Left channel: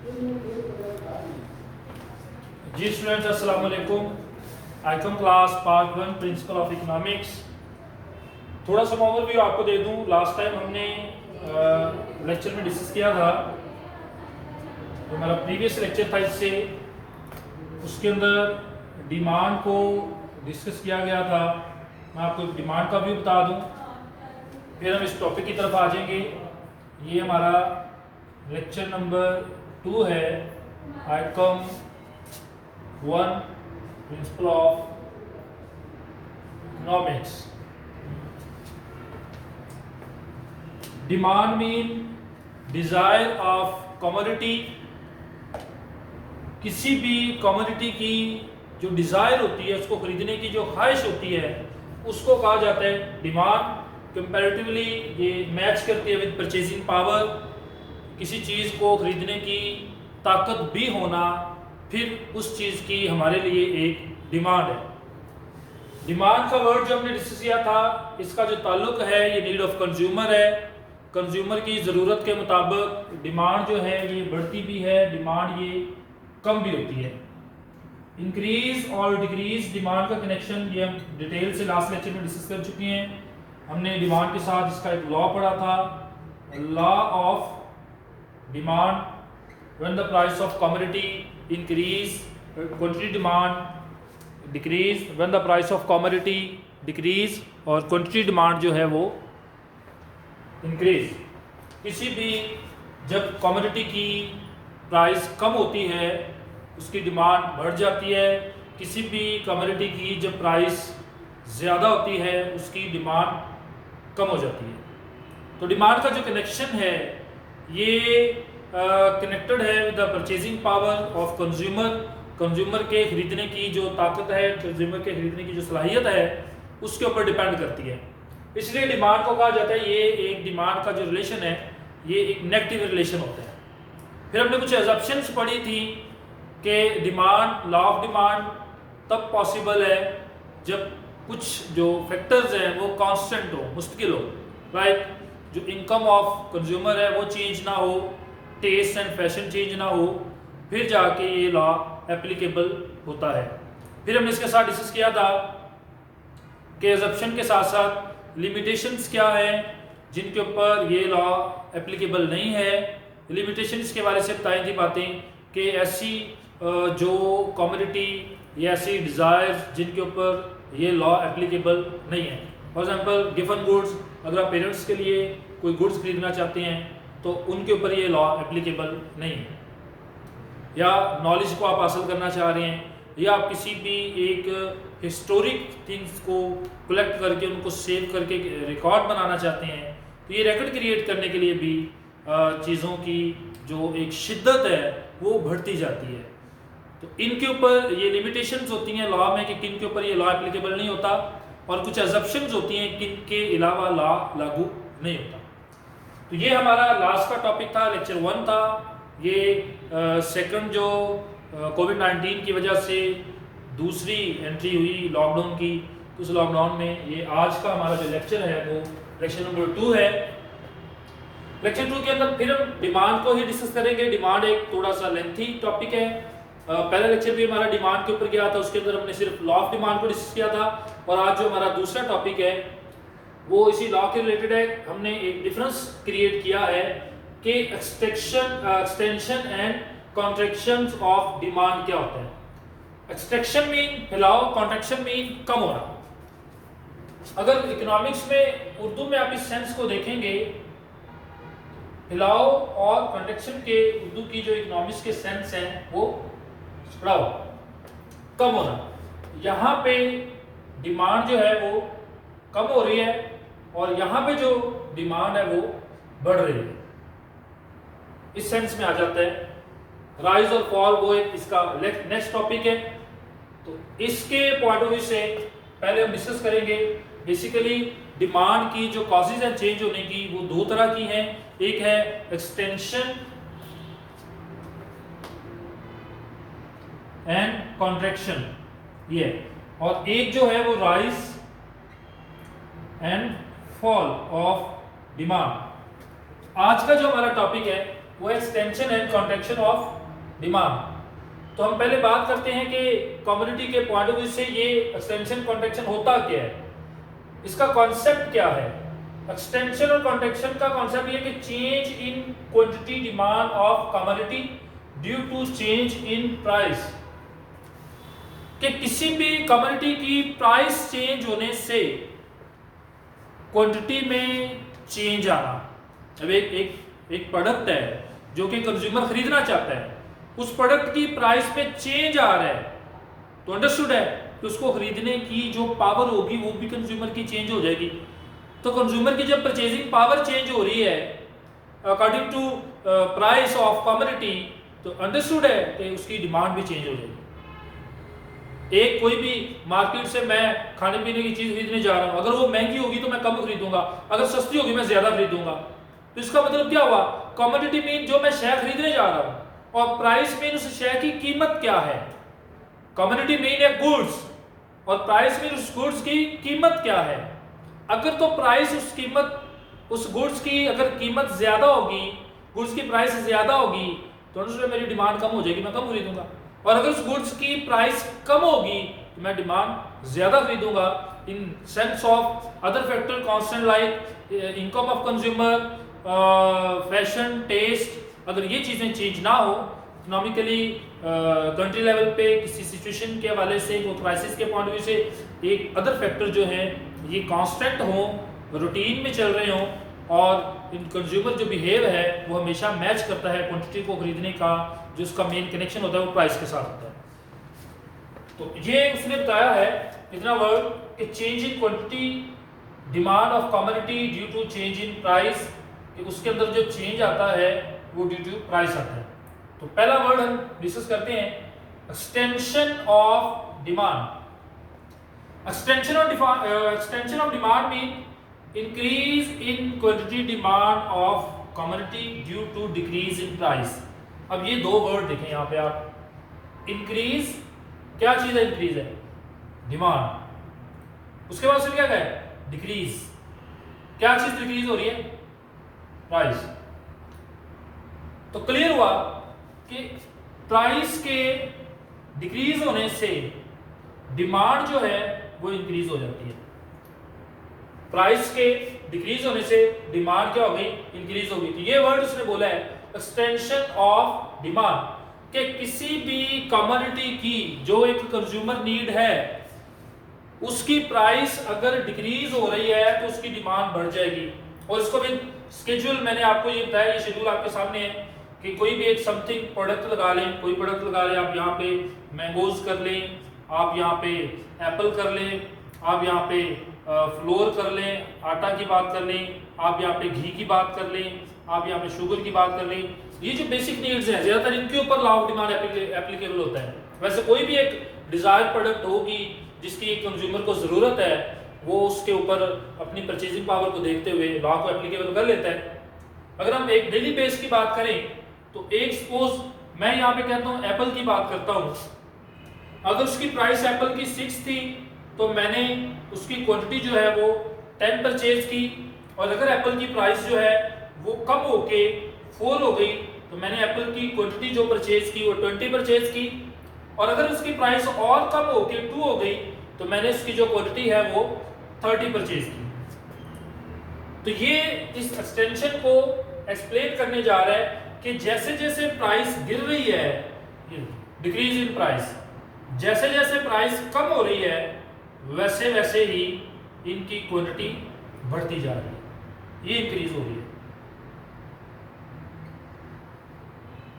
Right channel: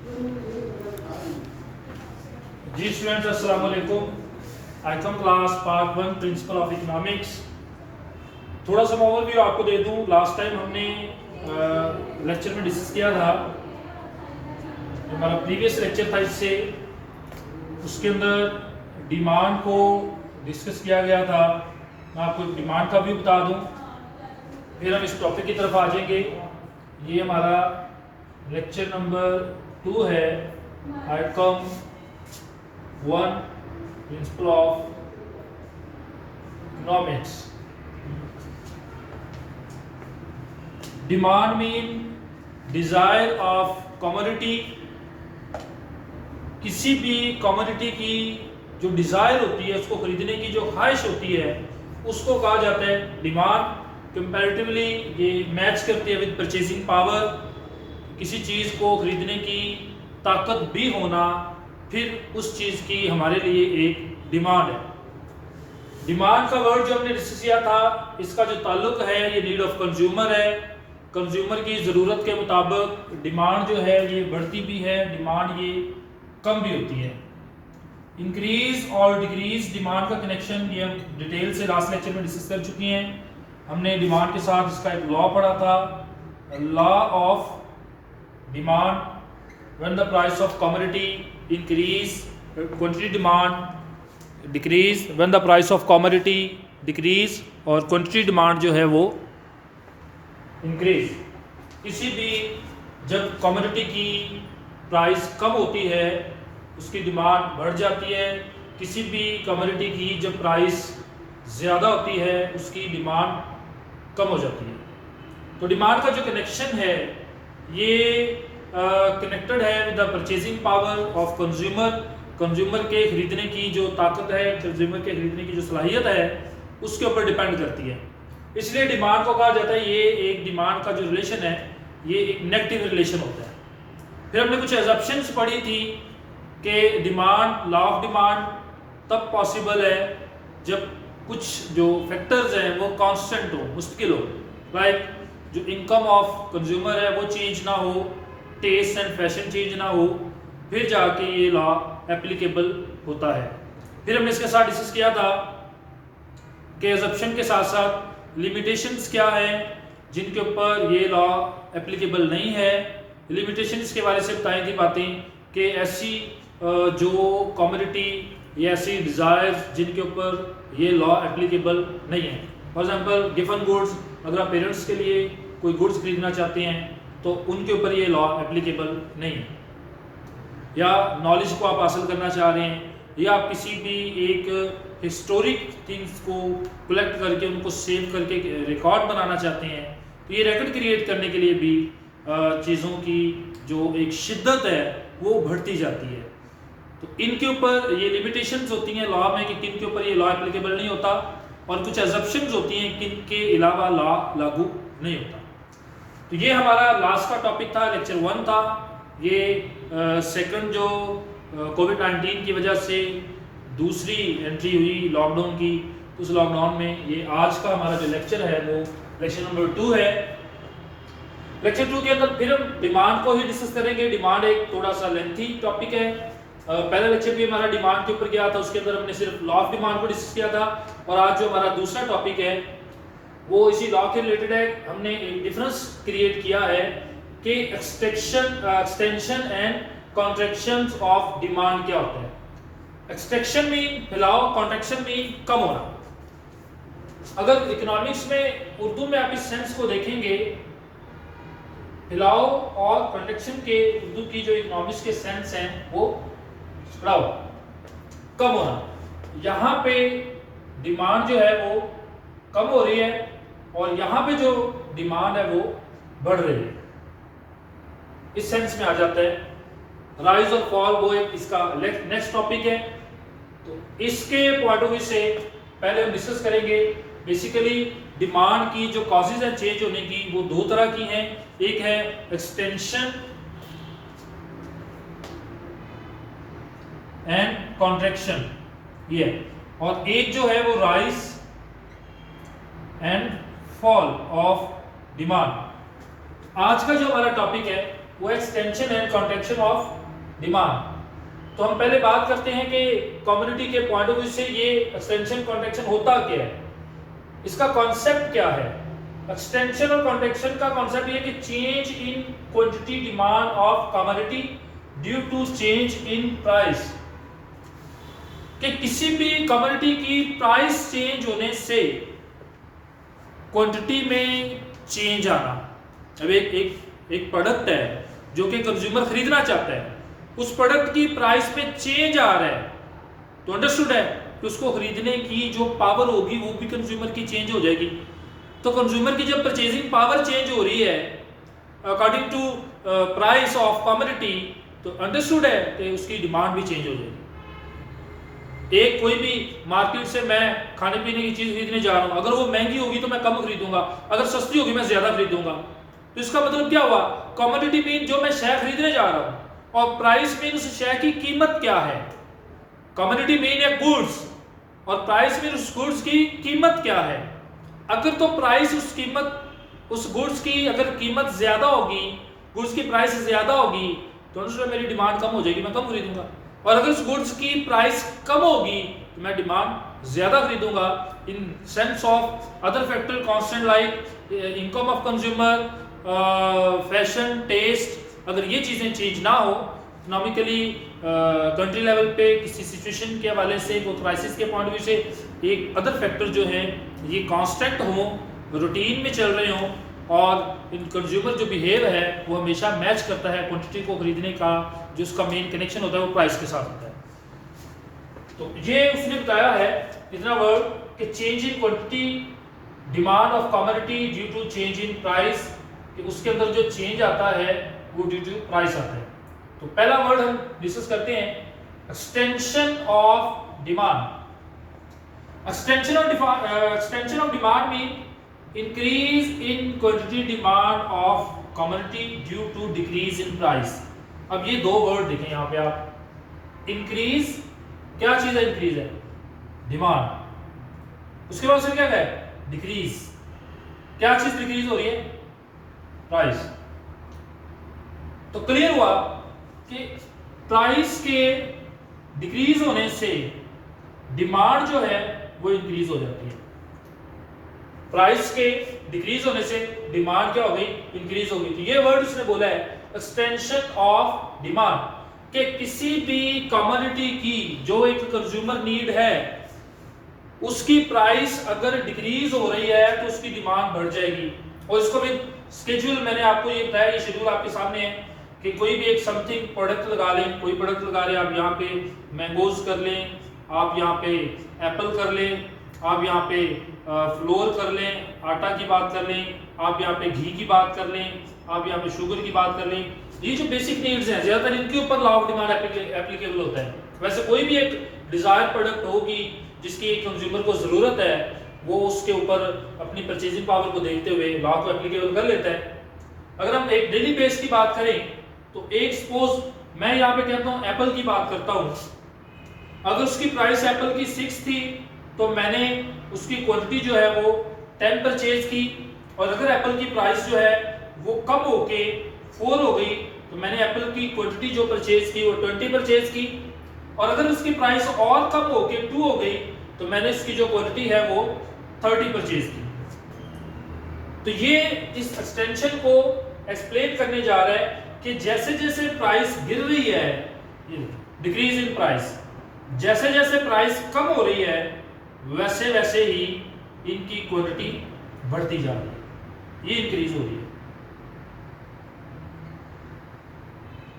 जी students, अस्सलाम वालेकुम। I.Com class part 1 principle of economics. थोड़ा सा ओवरव्यू आपको दे दूं। लास्ट टाइम हमने लेक्चर में डिस्कस किया था, जो हमारा प्रीवियस लेक्चर था इससे, उसके अंदर डिमांड को डिस्कस किया गया था। मैं आपको डिमांड का व्यू बता दूं, फिर हम इस टॉपिक की तरफ आ जाएंगे। ये हमारा लेक्चर नंबर 2 है, I.Com 1 principle of economics. Demand mean desire of commodity. किसी भी कमोडिटी की जो डिजायर होती है, उसको खरीदने की जो ख्वाहिश होती है, उसको कहा जाता है डिमांड। कंपैरेटिवली ये मैच करती है विद परचेजिंग पावर। किसी चीज़ को खरीदने की ताकत भी होना, फिर उस चीज़ की हमारे लिए एक डिमांड है। डिमांड का वर्ड जो हमने डिस्कस किया था, इसका जो ताल्लुक है ये नीड ऑफ कंज्यूमर है। कंज्यूमर की ज़रूरत के मुताबिक डिमांड जो है ये बढ़ती भी है, डिमांड ये कम भी होती है। इंक्रीज और डिक्रीज डिमांड का कनेक्शन ये हम डिटेल से लास्ट लेक्चर में डिस्कस कर चुके हैं। हमने डिमांड के साथ इसका एक लॉ पढ़ा था, law of demand. When the price of commodity increase, quantity demand decrease. When the price of commodity decrease और क्वांटिटी डिमांड जो है वो इंक्रीज। किसी भी जब कमोडिटी की प्राइस कम होती है, उसकी डिमांड बढ़ जाती है। किसी भी कमोडिटी की जब प्राइस ज़्यादा होती है, उसकी डिमांड कम हो जाती है। तो डिमांड का जो कनेक्शन है ये कनेक्टेड है with the purchasing power of consumer. Consumer के खरीदने की जो ताकत है, कंज्यूमर के खरीदने की जो सलाहियत है, उसके ऊपर डिपेंड करती है। इसलिए डिमांड को कहा जाता है, ये एक डिमांड का जो रिलेशन है ये एक नेगेटिव रिलेशन होता है। फिर हमने कुछ एजम्पशंस पढ़ी थी कि डिमांड, लॉ ऑफ डिमांड तब पॉसिबल है जब कुछ जो फैक्टर्स हैं वो कांस्टेंट हो, मुस्तकिल हो। लाइक जो इनकम ऑफ कंज्यूमर है वो चेंज ना हो, टेस्ट एंड फैशन चेंज ना हो, फिर जाके ये लॉ एप्लीकेबल होता है। फिर हमने इसके साथ डिस्कस किया था कि एजम्पशन के साथ साथ लिमिटेशंस क्या हैं जिनके ऊपर ये लॉ एप्लीकेबल नहीं है। लिमिटेशंस के बारे से बताई थी बातें कि ऐसी जो कमोडिटी या ऐसी डिज़ायर्स जिनके ऊपर ये लॉ एप्लीकेबल नहीं है। फॉर एग्जांपल गिवन गुड्स, अगर आप पेरेंट्स के लिए कोई गुड्स खरीदना चाहते हैं तो उनके ऊपर ये लॉ एप्लीकेबल नहीं है। या नॉलेज को आप हासिल करना चाह रहे हैं, या आप किसी भी एक हिस्टोरिक थिंग्स को कलेक्ट करके उनको सेव करके रिकॉर्ड बनाना चाहते हैं, तो ये रिकॉर्ड क्रिएट करने के लिए भी चीज़ों की जो एक शिद्दत है वो बढ़ती जाती है। तो इनके ऊपर ये लिमिटेशंस होती हैं लॉ में कि किन के ऊपर ये लॉ एप्लीकेबल नहीं होता, और कुछ एजम्पशंस होती हैं किन के अलावा लॉ लागू नहीं होता। तो ये हमारा लास्ट का टॉपिक था, लेक्चर 1 था। ये सेकंड जो कोविड-19 की वजह से दूसरी एंट्री हुई लॉकडाउन की, उस लॉकडाउन में ये आज का हमारा जो लेक्चर है वो लेक्चर नंबर 2 है। लेक्चर 2 के अंदर फिर हम डिमांड को ही डिस्कस करेंगे। डिमांड एक थोड़ा सा लेंथी टॉपिक है। पहला लेक्चर भी हमारा डिमांड के ऊपर गया था, उसके अंदर हमने सिर्फ लॉ ऑफ डिमांड को डिस्कस किया था। और आज जो हमारा दूसरा टॉपिक है वो इसी लॉ के रिलेटेड है। हमने एक डिफरेंस क्रिएट किया है कि extension and contraction of demand क्या होता है। एक्सटेंशन मीन फैलाव, कॉन्ट्रैक्शन मीन कम होना। अगर इकोनॉमिक्स में उर्दू में आप इस सेंस को देखेंगे, फैलाव और कॉन्ट्रैक्शन के उर्दू की जो इकोनॉमिक्स के सेंस हैं वो बढ़ाओ, कम होना। यहाँ पे डिमांड जो है वो कम हो रही है और यहाँ पे जो डिमांड है वो बढ़ रही है, इस सेंस में आ जाता है। राइज और फॉल वो एक इसका नेक्स्ट टॉपिक है। तो इसके पॉइंट ऑफ व्यू से पहले हम डिस्कस करेंगे बेसिकली डिमांड की जो कॉजेज हैं चेंज होने की, वो दो तरह की हैं। एक है एक्सटेंशन एंड कॉन्ट्रैक्शन, ये, और एक जो है वो rise and fall of demand. आज का जो हमारा टॉपिक है वो extension and contraction of demand. तो हम पहले बात करते हैं कि कमोडिटी के पॉइंट ऑफ व्यू से ये एक्सटेंशन कॉन्ट्रैक्शन होता क्या है, इसका कॉन्सेप्ट क्या है। एक्सटेंशन और कॉन्ट्रैक्शन का कॉन्सेप्ट ये कि change in quantity demand of commodity due to change in price, कि किसी भी कमोडिटी की प्राइस चेंज होने से क्वांटिटी में चेंज आना। अब एक प्रोडक्ट है जो कि कंज्यूमर खरीदना चाहता है, उस प्रोडक्ट की प्राइस में चेंज आ रहा है, तो अंडरस्टूड है कि उसको खरीदने की जो पावर होगी वो भी कंज्यूमर की चेंज हो जाएगी। तो कंज्यूमर की जब परचेजिंग पावर चेंज हो रही है according to price of commodity, तो अंडरस्टूड है कि उसकी डिमांड भी चेंज हो जाएगी। एक कोई भी मार्केट से मैं खाने पीने की चीज खरीदने जा रहा हूं, अगर वो महंगी होगी तो मैं कम खरीदूंगा, अगर सस्ती होगी मैं ज्यादा खरीदूंगा। तो इसका मतलब क्या हुआ, कमोडिटी मीन जो मैं शय खरीदने जा रहा हूं और प्राइस मीन उस शय की कीमत क्या है। कमोडिटी मीन है गुड्स और प्राइस मीन उस गुड्स की कीमत क्या है। अगर तो प्राइस उस कीमत उस गुड्स की अगर कीमत ज्यादा होगी, गुड्स की प्राइस ज्यादा होगी, तो मेरी डिमांड कम हो जाएगी, मैं कम खरीदूंगा। और अगर उस गुड्स की प्राइस कम होगी तो मैं डिमांड ज्यादा खरीदूंगा। In sense of other factor constant like income of consumer, fashion, taste, अगर ये चीजें चेंज ना हो इकोनॉमिकली कंट्री लेवल पे किसी सिचुएशन के हवाले से, वो क्राइसिस के पॉइंट ऑफ व्यू से एक अदर फैक्टर जो है ये कांस्टेंट हो, रूटीन में चल रहे हो और इन कंज्यूमर जो बिहेव है वो हमेशा मैच करता है क्वांटिटी को खरीदने का, जो उसका मेन कनेक्शन होता है वो प्राइस के साथ होता है। तो ये उसने बताया है इतना वर्ड कि change in quantity demand of commodity due to change in price, कि उसके अंदर जो चेंज आता है वो ड्यू टू प्राइस आता है। तो पहला वर्ड हम डिस्कस करते हैं extension of demand. Extension of demand mean increase in quantity demand of commodity due to decrease in price. अब ये दो वर्ड देखें यहां पे आप, इंक्रीज क्या चीज है, इंक्रीज है डिमांड, उसके बाद से क्या है डिक्रीज, क्या चीज डिक्रीज हो रही है, प्राइस। तो क्लियर हुआ कि प्राइस के डिक्रीज होने से डिमांड जो है वो इंक्रीज हो जाती है। प्राइस के डिक्रीज होने से डिमांड क्या हो गई, इंक्रीज हो गई। तो ये वर्ड इसने बोला है एक्सटेंशन ऑफ डिमांड, कि किसी भी कमोडिटी की जो एक कंज्यूमर नीड है उसकी प्राइस अगर डिक्रीज हो रही है तो उसकी डिमांड बढ़ जाएगी। और इसको भी स्केड्यूल मैंने आपको ये बताया, ये शेड्यूल आपके सामने है कि कोई भी एक समथिंग प्रोडक्ट लगा लें, कोई प्रोडक्ट लगा लें, आप यहाँ पे मैंगोज कर लें, आप यहाँ पे एप्पल कर लें, आप यहाँ पे फ्लोर कर लें, आटा की बात कर लें, आप यहाँ पे घी की बात कर लें, आप यहाँ पे शुगर की बात कर लें। ये जो बेसिक नीड्स हैं ज्यादातर इनके ऊपर लॉ ऑफ डिमांड एप्लीकेबल होता है। वैसे कोई भी एक डिजायर प्रोडक्ट होगी जिसकी एक कंज्यूमर को जरूरत है, वो उसके ऊपर अपनी परचेजिंग पावर को देखते हुए लॉ को एप्लीकेबल कर लेता है। अगर हम एक डेली बेस की बात करें तो एक सपोज मैं यहाँ पे कहता हूँ एप्पल की बात करता हूँ, अगर उसकी प्राइस एप्पल की 6 थी तो मैंने उसकी क्वांटिटी जो है वो 10 परचेज की, और अगर एप्पल की प्राइस जो है वो कम होके 4 हो गई तो मैंने एप्पल की क्वांटिटी जो परचेज की वो 20 परचेज की, और अगर उसकी प्राइस और कम होके 2 हो गई तो मैंने उसकी जो क्वांटिटी है वो 30 परचेज की। तो ये इस एक्सटेंशन को एक्सप्लेन करने जा रहा है कि जैसे जैसे प्राइस गिर रही है, डिक्रीज इन प्राइस, जैसे जैसे प्राइस कम हो रही है वैसे वैसे ही इनकी क्वांटिटी बढ़ती जा रही है, ये इंक्रीज हो रही है।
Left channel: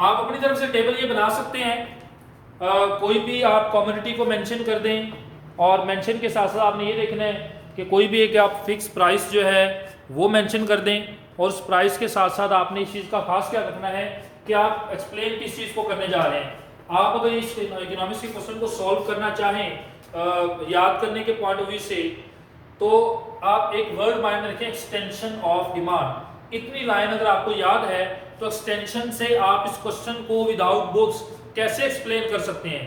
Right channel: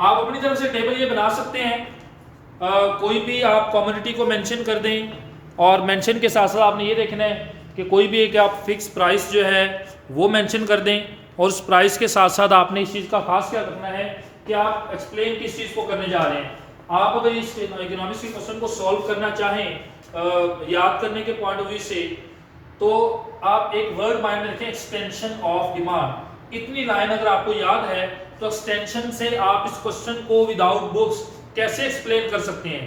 आप अपनी तरफ से टेबल ये बना सकते हैं, कोई भी आप कमोडिटी को मेंशन कर दें और मेंशन के साथ साथ आपने ये देखना है कि कोई भी एक आप फिक्स प्राइस जो है वो मेंशन कर दें, और उस प्राइस के साथ साथ आपने इस चीज़ का खास क्या रखना है कि आप एक्सप्लेन किस चीज़ को करने जा रहे हैं। आप अगर इस इकोनॉमिक्स के क्वेश्चन को सॉल्व करना चाहें याद करने के पॉइंट ऑफ व्यू से, तो आप एक वर्ड माइंड में रखें एक्सटेंशन ऑफ डिमांड। इतनी लाइन अगर आपको याद है तो एक्सटेंशन से आप इस क्वेश्चन को विदाउट बुक्स कैसे एक्सप्लेन कर सकते हैं।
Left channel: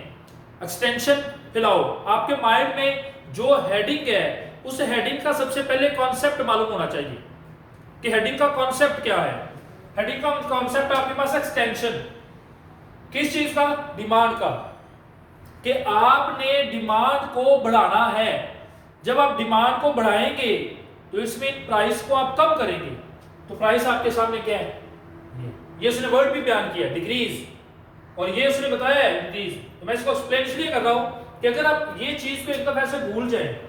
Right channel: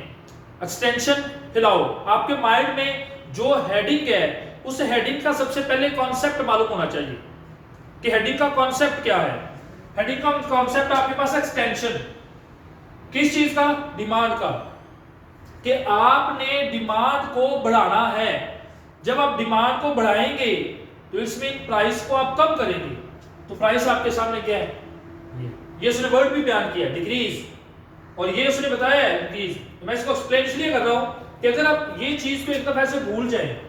एक्सटेंशन फिलहाल आपके माइंड में जो हेडिंग है उस हेडिंग का सबसे पहले कॉन्सेप्ट मालूम होना चाहिए कि हेडिंग का कॉन्सेप्ट क्या है। हेडिंग का कॉन्सेप्ट आपके पास एक्सटेंशन, किस चीज का? डिमांड का, कि आपने डिमांड को बढ़ाना है। जब आप डिमांड को बढ़ाएंगे तो इसमें प्राइस को आप कम करेंगे। तो प्राइस आपके सामने क्या है? ये उसने वर्ड भी बयान किया, डिक्रीज, और ये उसने बताया है इंक्रीज। तो मैं इसको एक्सप्लेन इसलिए कर रहा हूं कि अगर आप ये चीज को एक दफा ऐसे भूल जाए,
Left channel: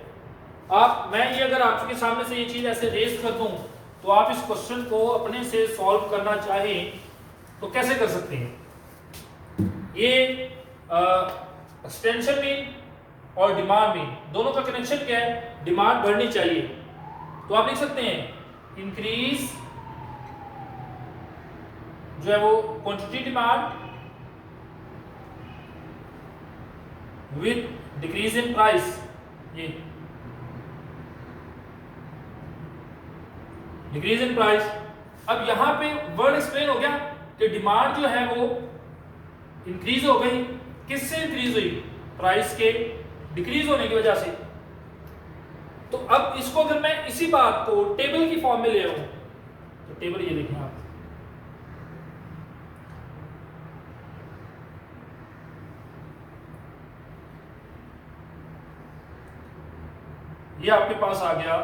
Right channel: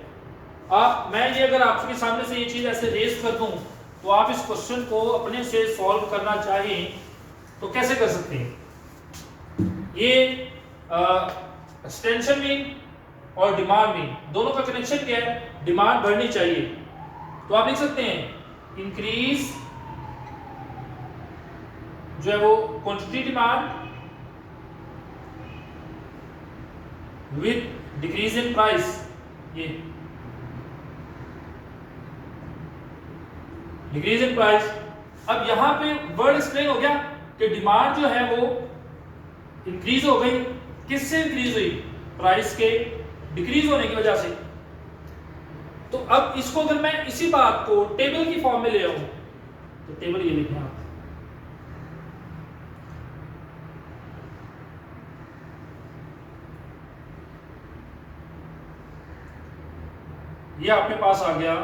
मैं ये अगर आपके सामने से ये चीज ऐसे रेस कर दूं तो आप इस क्वेश्चन को अपने से सॉल्व करना चाहें तो कैसे कर सकते हैं? ये एक्सटेंशन मीन और डिमांड मीन दोनों का कनेक्शन क्या है? डिमांड बढ़नी चाहिए, तो आप लिख सकते हैं इंक्रीज जो है वो quantity demand with decrease in price. ये डिक्रीज इन प्राइस। अब यहां पे वर्ड एक्सप्लेन हो गया कि डिमांड जो है वो इंक्रीज हो गई। किससे इंक्रीज हुई? प्राइस के डिक्रीज होने की वजह से। तो अब इसको अगर मैं इसी बात को टेबल की फॉर्म में ले आऊं तो टेबल ये लिखें आप, ये आपके पास आ गया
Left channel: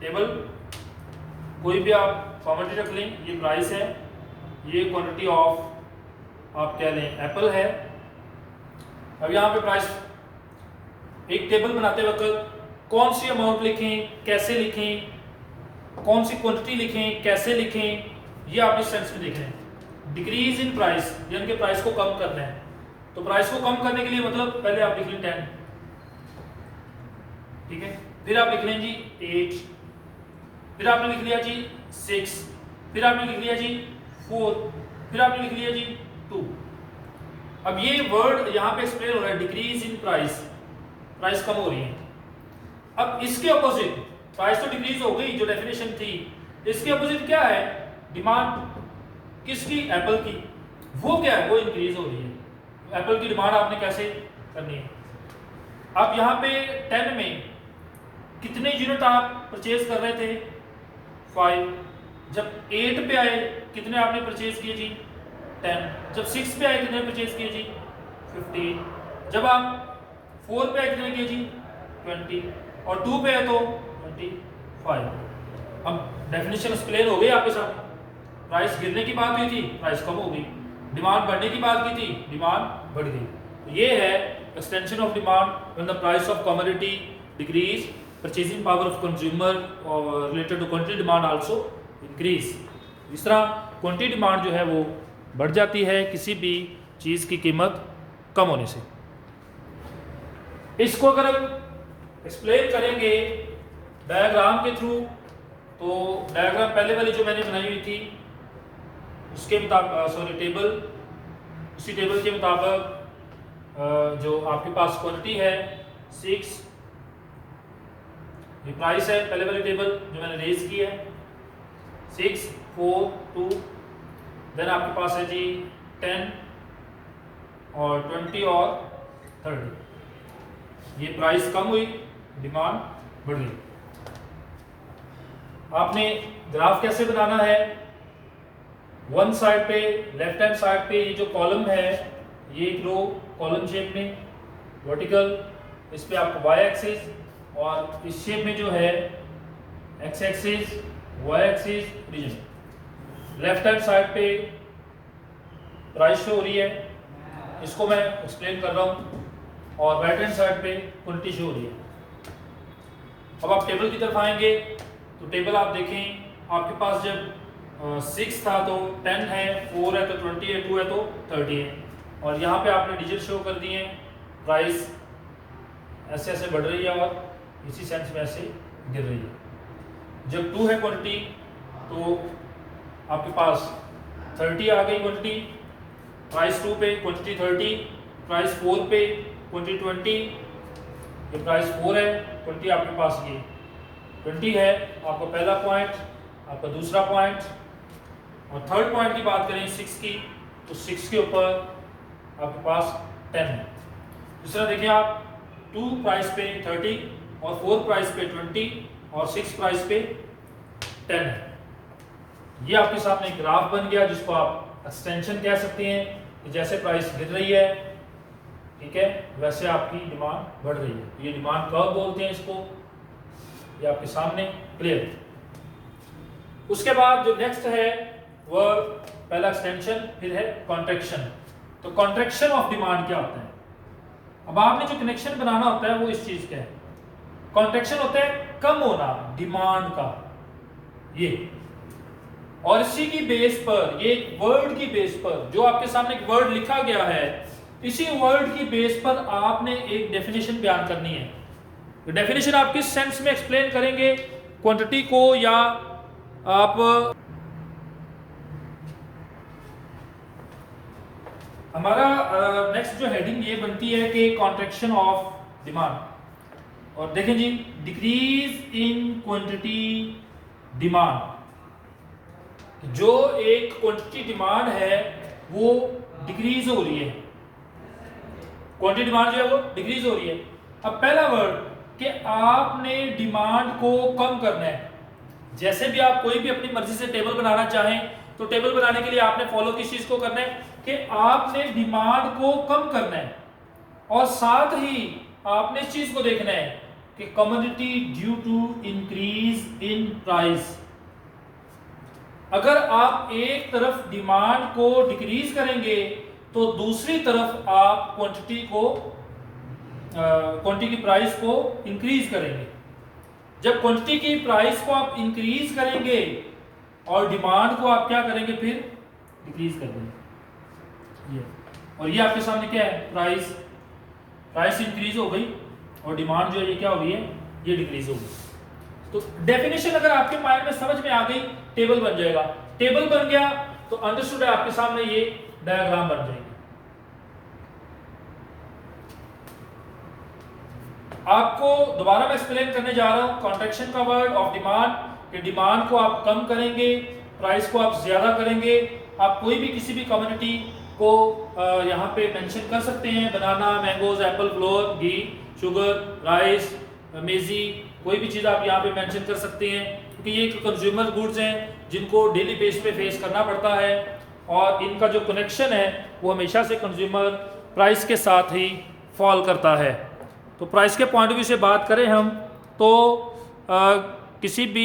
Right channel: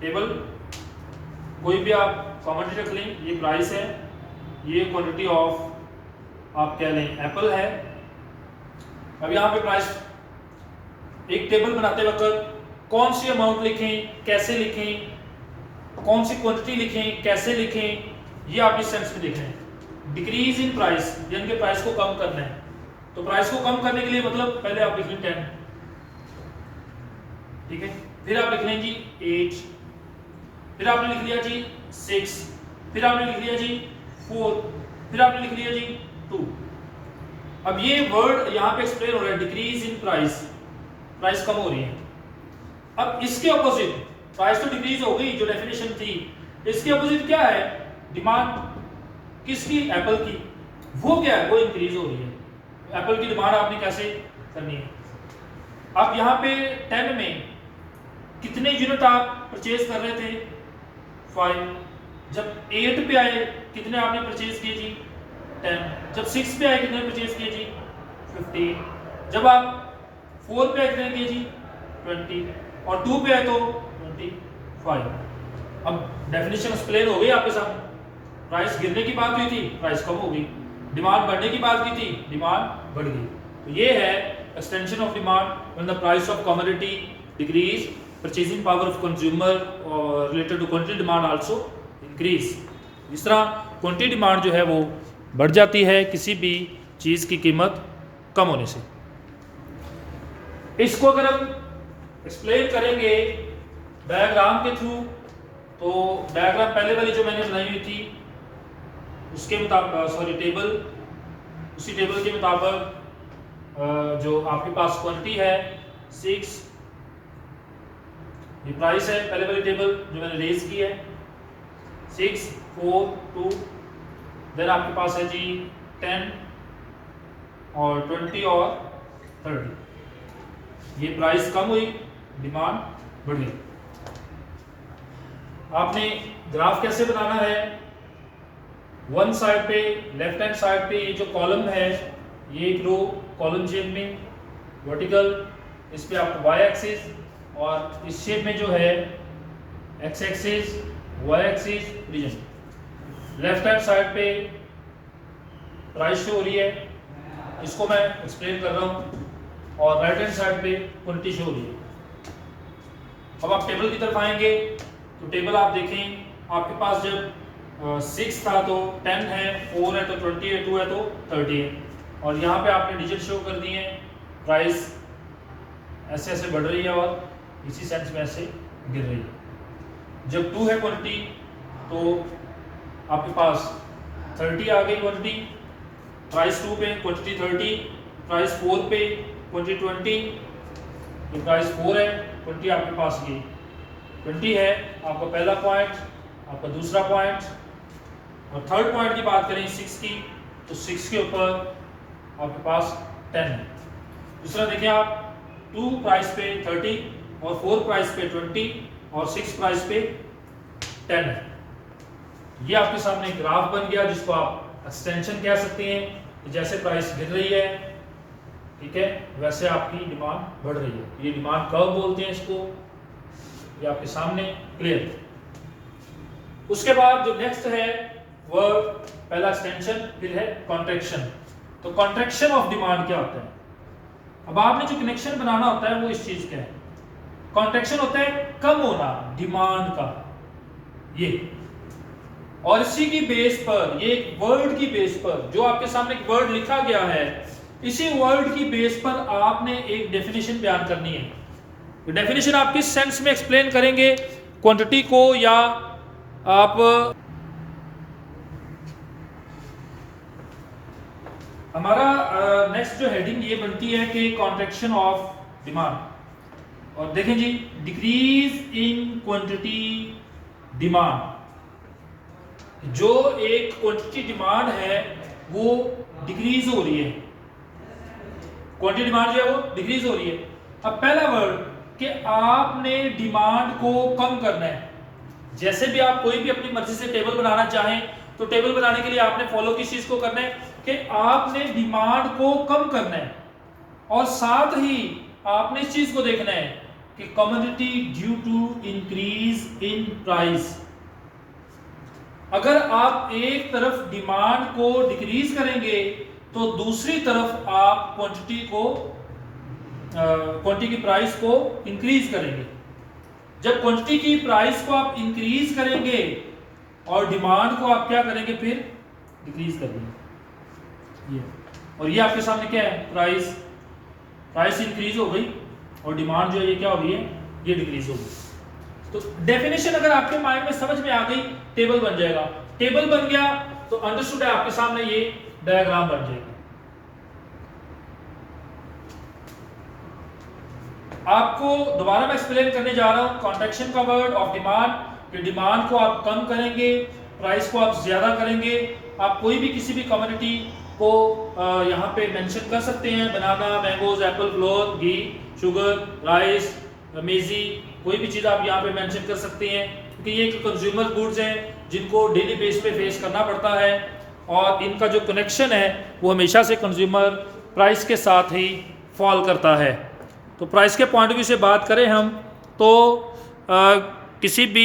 टेबल। कोई भी आप कॉमोडिटी रख लें, ये प्राइस है, ये क्वांटिटी ऑफ आप कह लें एप्पल है। अब यहाँ पे प्राइस, एक टेबल बनाते वक्त कौन सी अमाउंट लिखें, कैसे लिखें, कौन सी क्वांटिटी लिखें, कैसे लिखें, ये आप इस सेंस में लिख रहे हैं। डिक्रीज इन प्राइस यानी कि प्राइस को कम करना है। तो प्राइस को कम करने के लिए मतलब पहले आप लिख लें 10, ठीक है, फिर आप लिख लें जी 8, फिर आपने लिख लिया जी 6, फिर आपने लिख लिया जी 4, फिर आपने लिख लिया जी 2। अब ये वर्ड यहाँ पे एक्सप्लेन हो रहा है डिक्रीज इन प्राइस, प्राइस कम हो रही है। अब इसके ऑपोजिट, प्राइस तो डिक्रीज हो गई जो डेफिनेशन थी, इसके ऑपोजिट क्या है? डिमांड किसकी? एप्पल की। वो क्या है? वो इंक्रीज हो रही है। एप्पल की डिमांड आपने कैसे करनी है? अब यहाँ पे 10 में कितने यूनिट आप परचेज कर रहे थे? 5। जब 8 पे आए कितने आपने परचेज किए जी? 10। जब 6 पे आए कितने परचेज किए जी? 15। जब आप 4 पे आए कितने किए जी? 20। और 2 पे आए तो 25। अब डेफिनेशन एक्सप्लेन हो गई आपके सामने। प्राइस गिरने की बात हुई थी, प्राइस कम हो गई। डिमांड बढ़ने की बात की थी, डिमांड बढ़ गई। तो ये है extension of demand when the price of commodity decrease, purchasing power of consumer related to quantity demand also increase. इस तरह क्वांटिटी डिमांड जो है वो बढ़ जाती है किसी भी चीज़ की कीमत कम होने से। इसको अगर हम एक्सप्लेन करेंगे डायग्राम के थ्रू, तो डायग्राम पहले वाली जो मैंने बनाई हुई थी उसके मुताबिक, टेबल, उसी टेबल के मुताबिक जो आपके पास क्वांटिटी है 6, ये प्राइस है पहले वाली टेबल जो मैंने रेज की है 6, 4, 2, देन आपके पास है जी 10 और 20 और 30। ये प्राइस कम हुई, डिमांड बढ़ गई। आपने ग्राफ कैसे बनाना है? वन साइड पे, लेफ्ट हैंड साइड पे ये जो कॉलम है, ये एक रो कॉलम शेप में वर्टिकल, इस पे आपको वाई एक्सिस, और इस शेप में जो है x axis, y axis, region. Left hand side पे प्राइस शो हो रही है, इसको मैं एक्सप्लेन कर रहा हूँ, और राइट हैंड साइड पे क्वांटिटी शो हो रही है। अब आप टेबल की तरफ आएंगे तो टेबल आप देखें, आपके पास जब 6 था तो 10 है, 4 है तो 20 है, 2 है तो 30 है, और यहाँ पे आपने डिजिट शो कर दिए हैं। प्राइस ऐसे ऐसे बढ़ रही है और इसी सेंस में ऐसे गिर रही है। जब 2 है क्वांटिटी तो आपके पास 30 आ गई क्वांटिटी, प्राइस 2 पे क्वांटिटी 30, प्राइस 4 पे क्वांटिटी 20, ये प्राइस 4 है, क्वांटिटी आपके पास ये 20 है। आपका पहला पॉइंट, आपका दूसरा पॉइंट, और थर्ड पॉइंट की बात करें 6 की, तो 6 के ऊपर आपके पास 10 है। इस तरह देखिए आप 2 प्राइस पे 30 और 4 प्राइस पे 20 और 6 प्राइस पे 10 है। ये आपके सामने एक ग्राफ बन गया जिसको आप एक्सटेंशन कह सकते हैं। जैसे प्राइस गिर रही है, ठीक है, वैसे आपकी डिमांड बढ़ रही है। ये डिमांड कर्व बोलते हैं इसको। ये आपके सामने क्लियर। उसके बाद जो नेक्स्ट है वह पहला एक्सटेंशन, फिर है कॉन्ट्रैक्शन। तो कॉन्ट्रैक्शन ऑफ डिमांड क्या होता है? अब आपने जो कनेक्शन बनाना होता है वो इस चीज का है। कॉन्ट्रैक्शन होता है कम होना डिमांड का, ये, और इसी की बेस पर, ये वर्ड की बेस पर, जो आपके सामने एक वर्ड लिखा गया है, इसी वर्ड की बेस पर आपने एक डेफिनेशन बयान करनी है। तो डेफिनेशन आप किस सेंस में एक्सप्लेन करेंगे क्वांटिटी को, या आप हमारा नेक्स्ट जो हेडिंग ये बनती है कि कॉन्ट्रैक्शन ऑफ डिमांड। और देखें जी, डिक्रीज इन क्वांटिटी डिमांड, जो एक क्वांटिटी डिमांड है वो डिक्रीज हो रही है, क्वांटिटी डिमांड जो है वो डिक्रीज हो रही है। अब पहला वर्ड कि आपने डिमांड को कम करना है। जैसे भी आप कोई भी अपनी मर्जी से टेबल बनाना चाहें तो टेबल बनाने के लिए आपने फॉलो किस चीज को करना है कि आपने डिमांड को कम करना है, और साथ ही आपने इस चीज को देखना है कि commodity due to increase in price. अगर आप एक तरफ डिमांड को डिक्रीज करेंगे तो दूसरी तरफ आप क्वांटिटी की प्राइस को इंक्रीज करेंगे। जब क्वांटिटी की प्राइस को आप इंक्रीज करेंगे और डिमांड को आप क्या करेंगे, फिर डिक्रीज कर देंगे। ये, और ये आपके सामने क्या है, प्राइस इंक्रीज हो गई और डिमांड जो है ये क्या हो गई है, ये डिक्रीज हो गई। तो डेफिनेशन अगर आपके माइंड में समझ में आ गई, टेबल बन जाएगा। टेबल बन गया तो अंडरस्टूड है, आपके सामने ये डायग्राम बन जाएगा। आपको दोबारा मैं एक्सप्लेन करने जा रहा हूं कॉन्ट्रैक्शन का वर्ड ऑफ डिमांड, कि डिमांड को आप कम करेंगे, प्राइस को आप ज्यादा करेंगे। आप कोई भी किसी भी कमोडिटी को यहाँ पे मेंशन कर सकते हैं, बनाना, मैंगोज, एप्पल, फ्लोर, घी, शुगर, राइस, मेजी, कोई भी चीज़ आप यहाँ पे मेंशन कर सकते हैं, क्योंकि ये कंज्यूमर गुड्स हैं जिनको डेली बेस पे फेस करना पड़ता है, और इनका जो कनेक्शन है वो हमेशा से कंज्यूमर प्राइस के साथ ही फॉल करता है। तो प्राइस के पॉइंट ऑफ व्यू से बात करें हम तो किसी भी